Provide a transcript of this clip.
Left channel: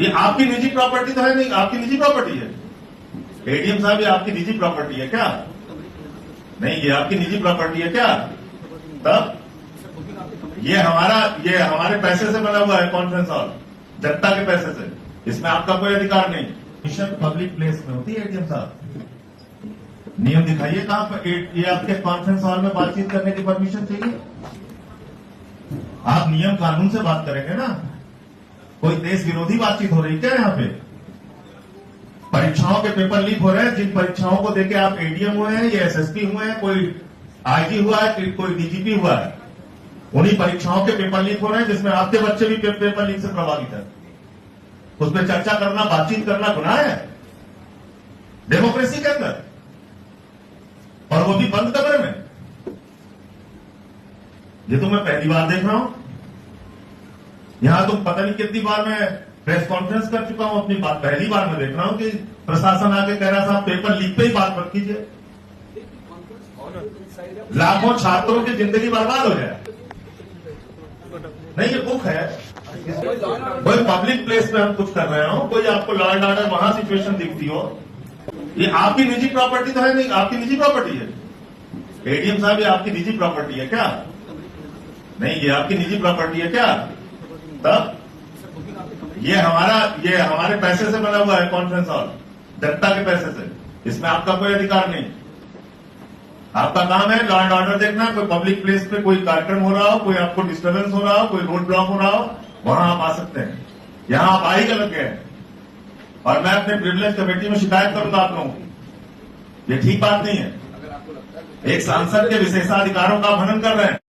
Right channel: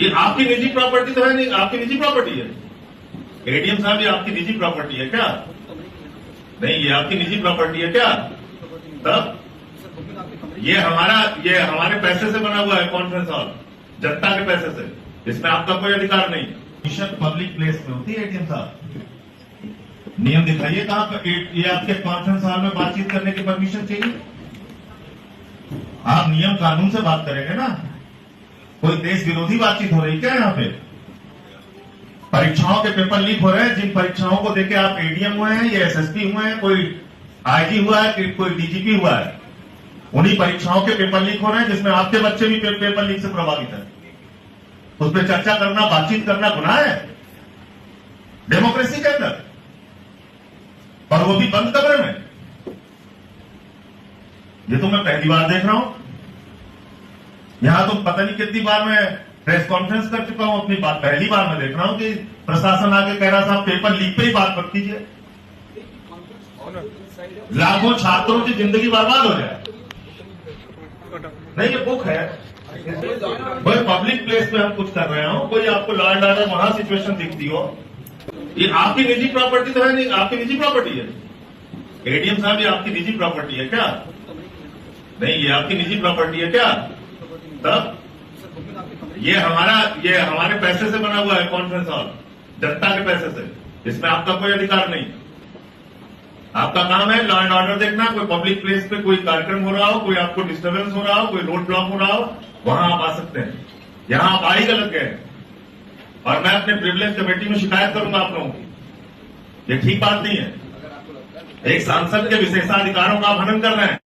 ये आपकी निजी प्रॉपर्टी तो है नहीं, आपकी निजी प्रॉपर्टी है। एडीएम साहब, ये आपकी निजी प्रॉपर्टी है क्या? नहीं, ये आपकी निजी प्रॉपर्टी है क्या? तब ये हमारे पैसे से बना हुआ है कॉन्फ्रेंस हॉल, जनता के पैसे से। इसमें आपका कोई अधिकार नहीं। मिशन पब्लिक प्लेस में होती है एडीएम साहब। नियम दिखाइए कहां पर ये आपके कॉन्फ्रेंस हॉल में बातचीत करने की परमिशन चाहिए। आप नियम कानून से बात करेंगे ना। कोई देश विरोधी बातचीत हो रही क्या यहाँ पे? परीक्षाओं के पेपर लीक हो रहे हैं। जिन परीक्षाओं को देके आप एडीएम हुए हैं या एसएसपी हुए हैं, कोई आईजी हुआ है, कोई डीजीपी हुआ है, उन्हीं परीक्षाओं के पेपर लीक हो रहे हैं जिसमें आपके बच्चे भी पेपर लीक से प्रभावित है। उस पर चर्चा करना, बातचीत करना गुनाह है डेमोक्रेसी के अंदर, और वो भी बंद कमरे में। ये तो मैं पहली बार देख रहा हूं। यहां तो पता नहीं कितनी बार मैं प्रेस कॉन्फ्रेंस कर चुका हूं, अपनी बात पहली बार मैं देख रहा हूं कि प्रशासन आके कह रहा साहब पेपर लीक पे ही बात मत कीजिए। लाखों छात्रों की जिंदगी बर्बाद हो जाए। नहीं, ये बुक है। कोई पब्लिक प्लेस में हम कुछ कर रहे हो, कोई आपको लॉ एंड ऑर्डर वहां सिचुएशन दिखती हो, ये आपकी निजी प्रॉपर्टी तो है नहीं, आपकी निजी प्रॉपर्टी है। एडीएम साहब, ये आपकी निजी प्रॉपर्टी है क्या? नहीं, ये आपकी निजी प्रॉपर्टी है क्या? तब ये हमारे पैसे से बना हुआ है कॉन्फ्रेंस हॉल, जनता के पैसे से। इसमें आपका कोई अधिकार नहीं। आपका काम है लॉ एंड ऑर्डर देखना। कोई पब्लिक प्लेस पे कोई कार्यक्रम हो रहा हो, कोई आपको डिस्टर्बेंस हो रहा हो, कोई रोड ब्लॉक हो रहा हो, वहां आप आ सकते हैं। यहां आप आ ही गलत गए, और मैं अपने प्रिविलेज कमेटी में शिकायत करूंगा आप लोगों की। ये ठीक बात नहीं है। एक सांसद के विशेषाधिकारों का हनन कर रहे हैं।